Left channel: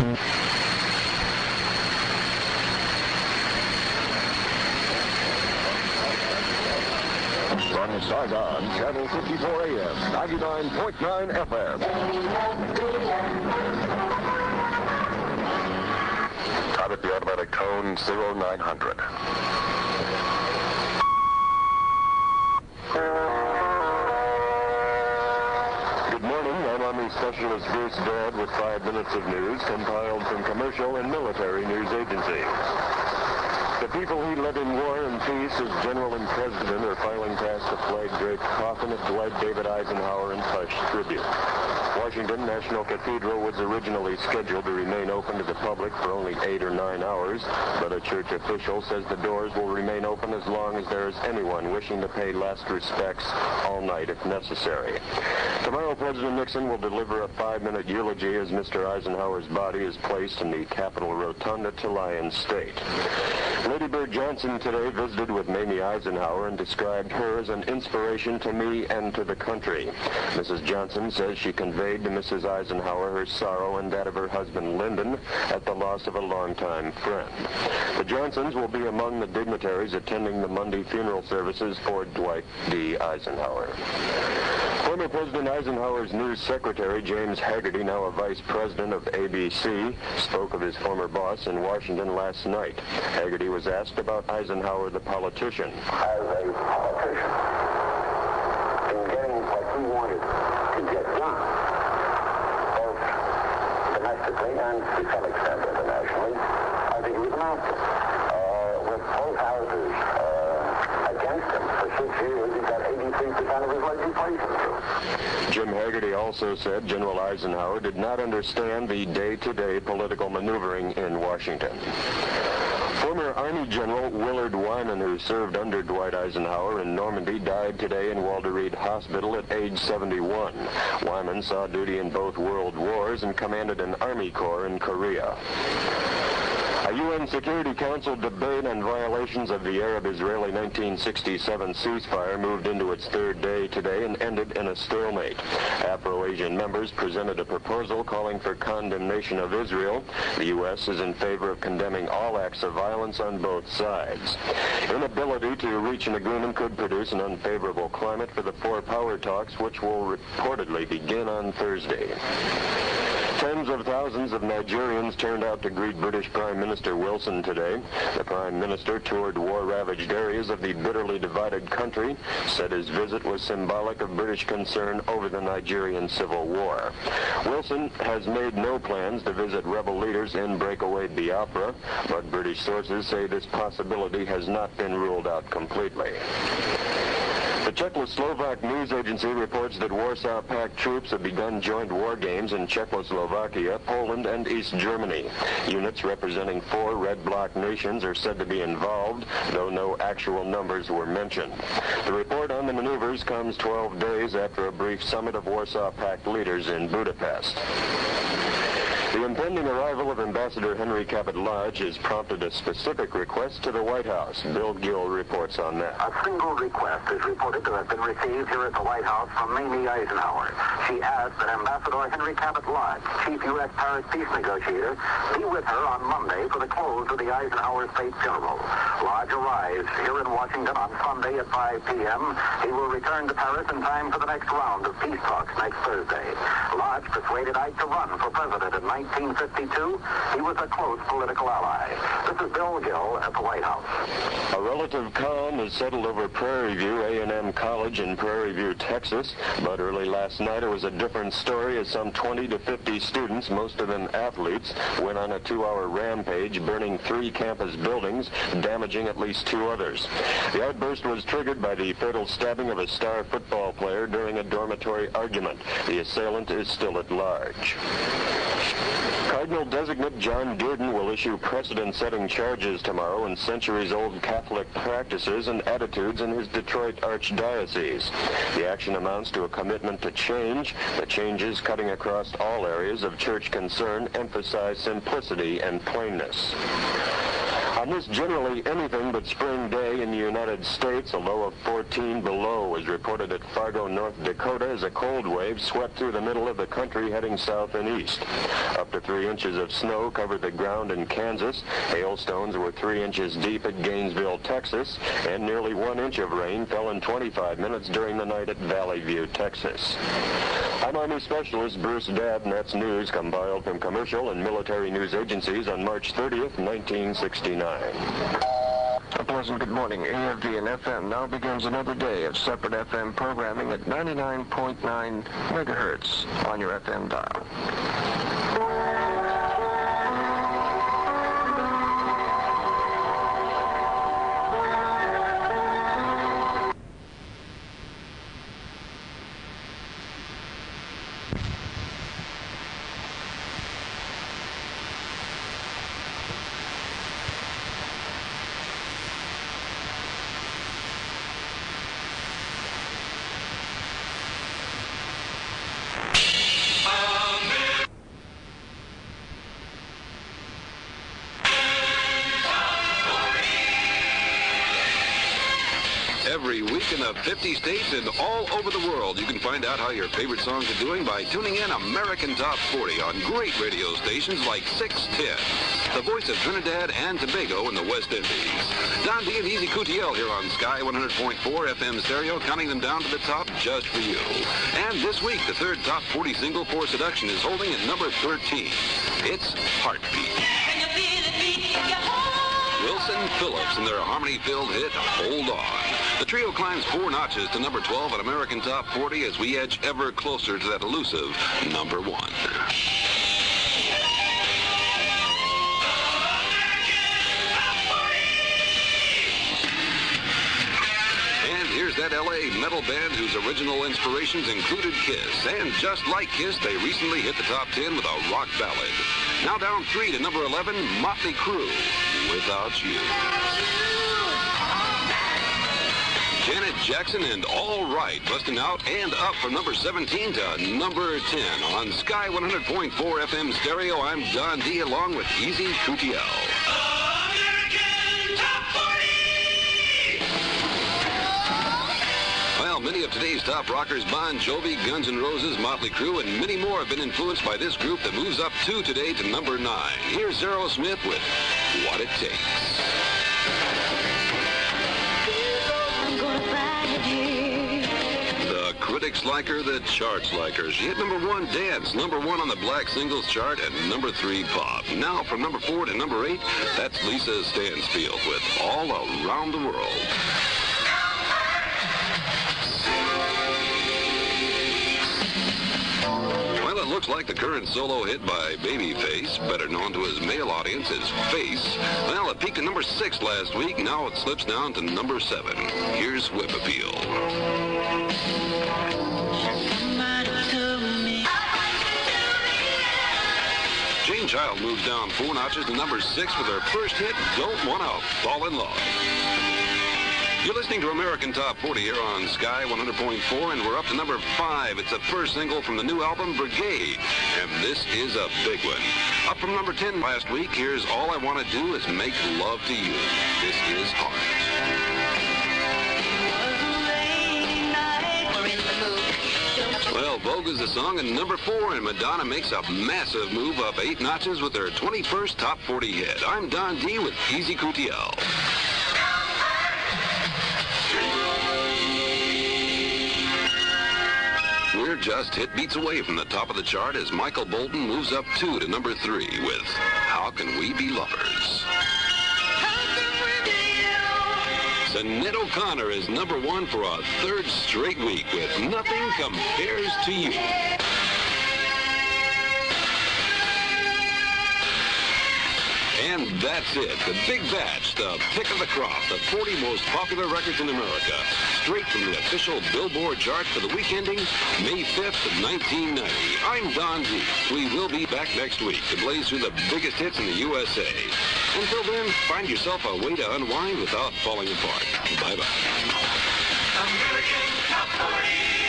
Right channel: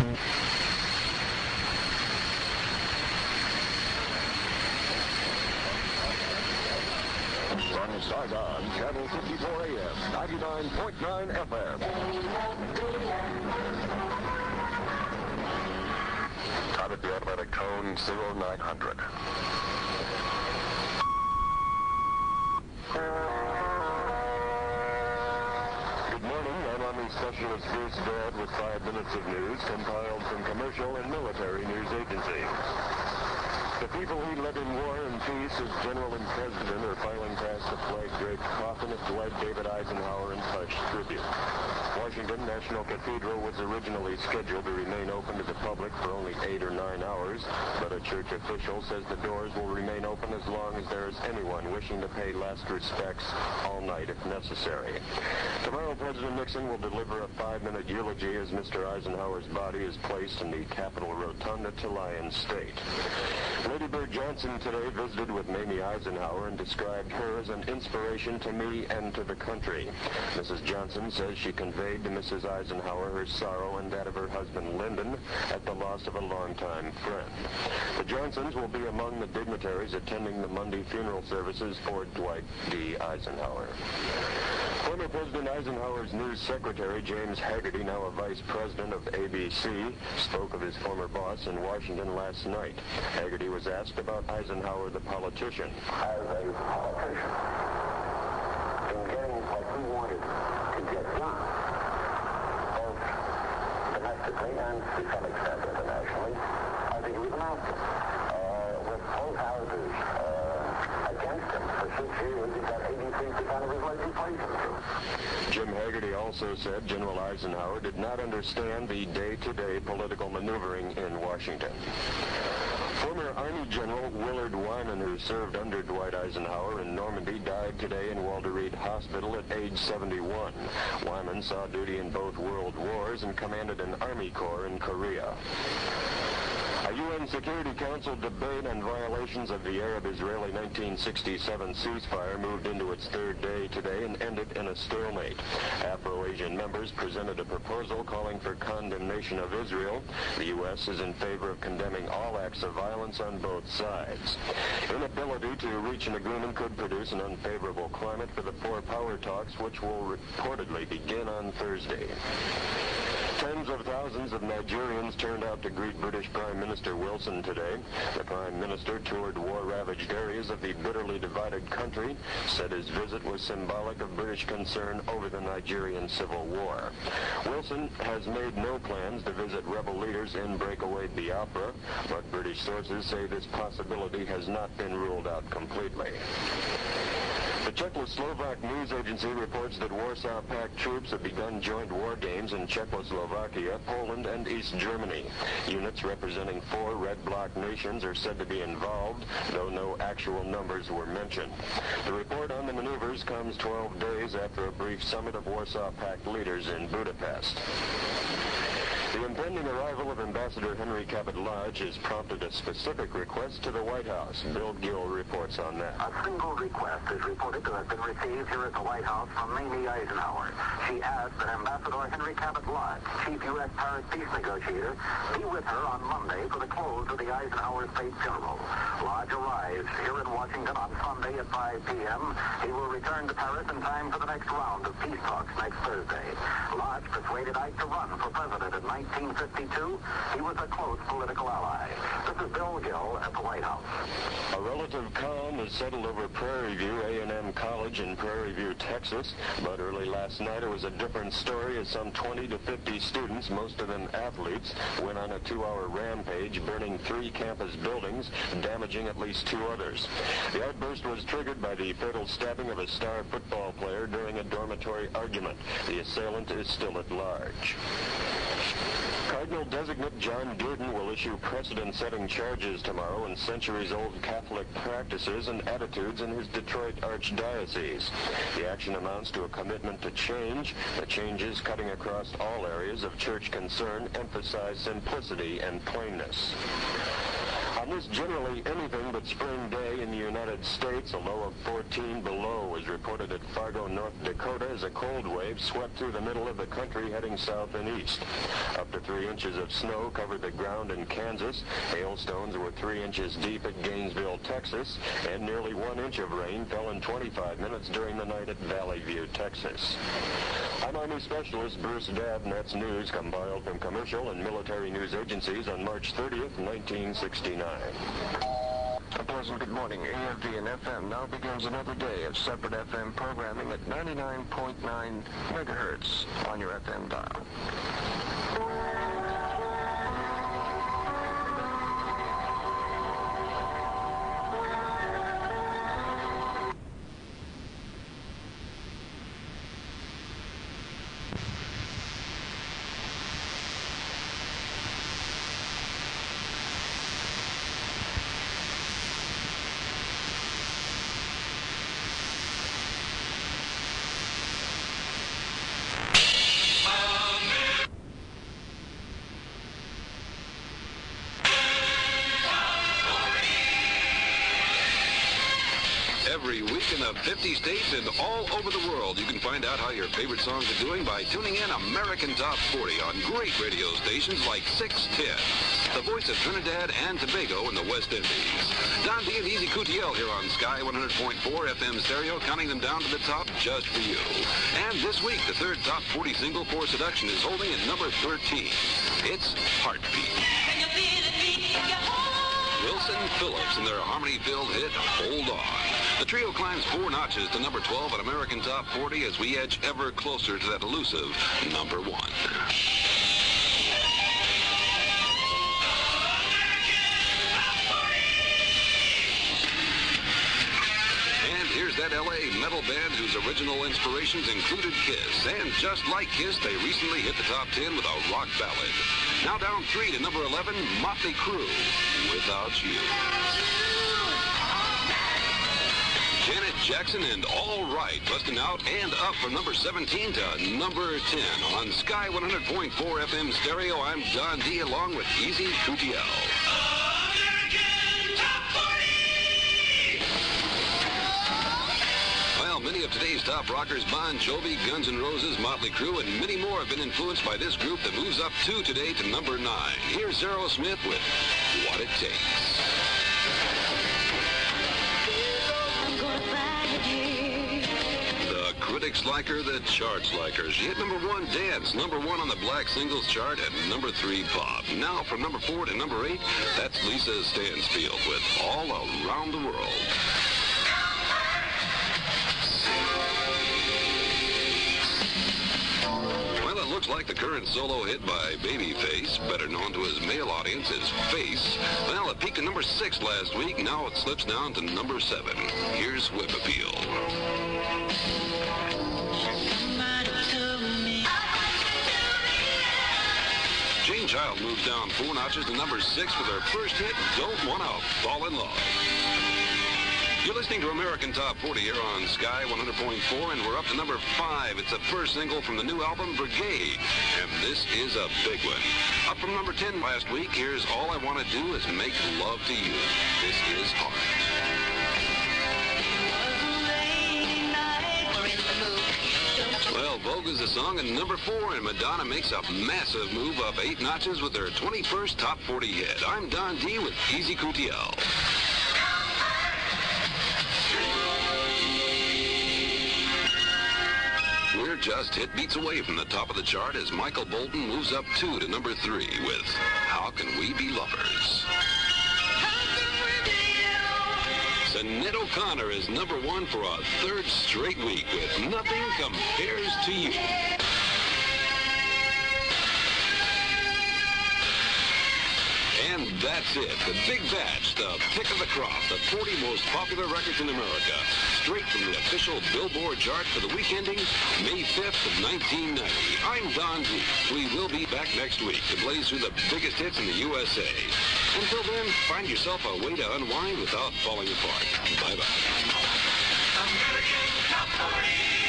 From Saigon, Channel 54 AM, 99.9 FM. Time at the automatic tone 0900. Good morning, I'm Army Specialist Bruce Dodd with 5 minutes of news compiled from commercial and military news agencies. The people he led in war and peace as general and president are filing past the flag-draped coffin of Dwight David Eisenhower in hush tribute. Washington National Cathedral was originally scheduled to remain open to the public for only 8 or 9 hours, but a church official says the doors will remain open as long as there is anyone wishing to pay last respects all night if necessary. Tomorrow, President Nixon will deliver a 5-minute eulogy as Mr. Eisenhower's body is placed in the Capitol Rotunda to lie in state. Lady Bird Johnson today visited with Mamie Eisenhower and described her as an inspiration to me and to the country. Mrs. Johnson says she conveyed to Mrs. Eisenhower her sorrow and that of her husband Lyndon at the loss of a longtime friend. The Johnsons will be among the dignitaries attending the Monday funeral services for Dwight D. Eisenhower. Former President Eisenhower's news secretary, James Hagerty, now a vice president of ABC, spoke of his former boss in Washington last night. Hagerty was asked about Eisenhower, the politician. As a politician, in getting what he wanted to get done, both domestically and to some extent internationally, I think he was an actor. With both houses against him for 6 years, he got 83% of his legislation through. Jim Hagerty also said General Eisenhower did not understand the day-to-day political maneuvering in Washington. Former Army General Willard Wyman, who served under Dwight Eisenhower in Normandy, died today in Walter Reed Hospital at age 71. Wyman saw duty in both World Wars and commanded an Army Corps in Korea. A UN Security Council debate on violations of the Arab-Israeli 1967 ceasefire moved into its third day today and ended in a stalemate. Afro-Asian members presented a proposal calling for condemnation of Israel. The U.S. is in favor of condemning all acts of violence on both sides. Inability to reach an agreement could produce an unfavorable climate for the four power talks, which will reportedly begin on Thursday. Tens of thousands of Nigerians turned out to greet British Prime Minister Wilson today. The Prime Minister toured war-ravaged areas of the bitterly divided country, said his visit was symbolic of British concern over the Nigerian Civil War. Wilson has made no plans to visit rebel leaders in breakaway Biafra, but British sources say this possibility has not been ruled out completely. The Czechoslovak news agency reports that Warsaw Pact troops have begun joint war games in Czechoslovakia, Poland, and East Germany. Units representing 4 Red Bloc nations are said to be involved, though no actual numbers were mentioned. The report on the maneuvers comes 12 days after a brief summit of Warsaw Pact leaders in Budapest. The impending arrival of Ambassador Henry Cabot Lodge has prompted a specific request to the White House. Bill Gill reports on that. A single request is reported to have been received here at the White House from Mamie Eisenhower. She asked that Ambassador Henry Cabot Lodge, chief U.S. Paris peace negotiator, be with her on Monday for the close of the Eisenhower State Funeral. Lodge arrives here in Washington on Sunday at 5 p.m. He will return to Paris in time for the next round of peace talks next Thursday. Lodge persuaded Ike to run for president in 1952, he was a close political ally. This is Bill Gill at the White House. A relative calm has settled over Prairie View A&M College in Prairie View, Texas, but early last night it was a different story as some 20 to 50 students, most of them athletes, went on a 2-hour rampage, burning 3 campus buildings, damaging at least 2 others. The outburst was triggered by the fatal stabbing of a star football player during a dormitory argument. The assailant is still at large. Cardinal designate John Dearden will issue precedent-setting charges tomorrow in centuries-old Catholic practices and attitudes in his Detroit Archdiocese. The action amounts to a commitment to change. The changes cutting across all areas of church concern emphasize simplicity and plainness. On this generally anything but spring day in the United States, a low of 14 below was reported at Fargo, North Dakota, as a cold wave swept through the middle of the country heading south and east. Up to 3 inches of snow covered the ground in Kansas. Hailstones were 3 inches deep at Gainesville, Texas, and nearly 1 inch of rain fell in 25 minutes during the night at Valley View, Texas. I'm Army Specialist Bruce Dabb, and that's news compiled from commercial and military news agencies on March 30th, 1969. A pleasant good morning. AFVN FM now begins another day of separate FM programming at 99.9 megahertz on your FM dial. Every week in the 50 states and all over the world, you can find out how your favorite songs are doing by tuning in American Top 40 on great radio stations like 610, the voice of Trinidad and Tobago in the West Indies. Don D and Easy Coutiel here on Sky 100.4 FM stereo, counting them down to the top just for you. And this week, the third top 40 single for Seduction is holding at number 13. It's Heartbeat. Wilson Phillips and their harmony-filled hit, Hold On. The trio climbs 4 notches to number 12 on American Top 40 as we edge ever closer to that elusive number 1. And here's that LA metal band whose original inspirations included Kiss. And just like Kiss, they recently hit the top 10 with a rock ballad. Now down 3 to number 11, Motley Crue, Without You. Janet Jackson and All Right, busting out and up from number 17 to number 10. On Sky 100.4 FM stereo, I'm Don D along with Easy Coutiel. Well, many of today's top rockers, Bon Jovi, Guns N' Roses, Motley Crue, and many more have been influenced by this group that moves up 2 today to number 9. Here's Aerosmith with What It Takes. The critics like her, the charts like her. She hit number 1 dance, number 1 on the black singles chart, and number 3 pop. Now from number 4 to number 8, that's Lisa Stansfield with All Around the World. Well, it looks like the current solo hit by Babyface, better known to his male audience as Face. Well, it peaked at number 6 last week. Now it slips down to number 7. Here's Whip Appeal. Jane Child moves down 4 notches to number 6 with her first hit, Don't Wanna Fall in Love. You're listening to American Top 40 here on Sky 100.4, and we're up to number 5. It's the first single from the new album, Brigade, and this is a big one. Up from number 10 last week, here's All I Want to Do Is Make Love to You. This is Heart. Well, Vogue is the song at number 4, and Madonna makes a massive move up 8 notches with her 21st Top 40 hit. I'm Don D with Easy Coutiel. We're just hit beats away from the top of the chart as Michael Bolton moves up 2 to number 3 with How Can We Be Lovers? Sinead O'Connor is number 1 for a 3rd straight week with Nothing Compares to You. And that's it. The Big Batch, the pick of the crop, the 40 most popular records in America. Straight from the official Billboard chart for the week ending May 5th of 1990. I'm Don D. We will be back next week to blaze through the biggest hits in the USA. Until then, find yourself a way to unwind without falling apart. Bye-bye. American Top 40.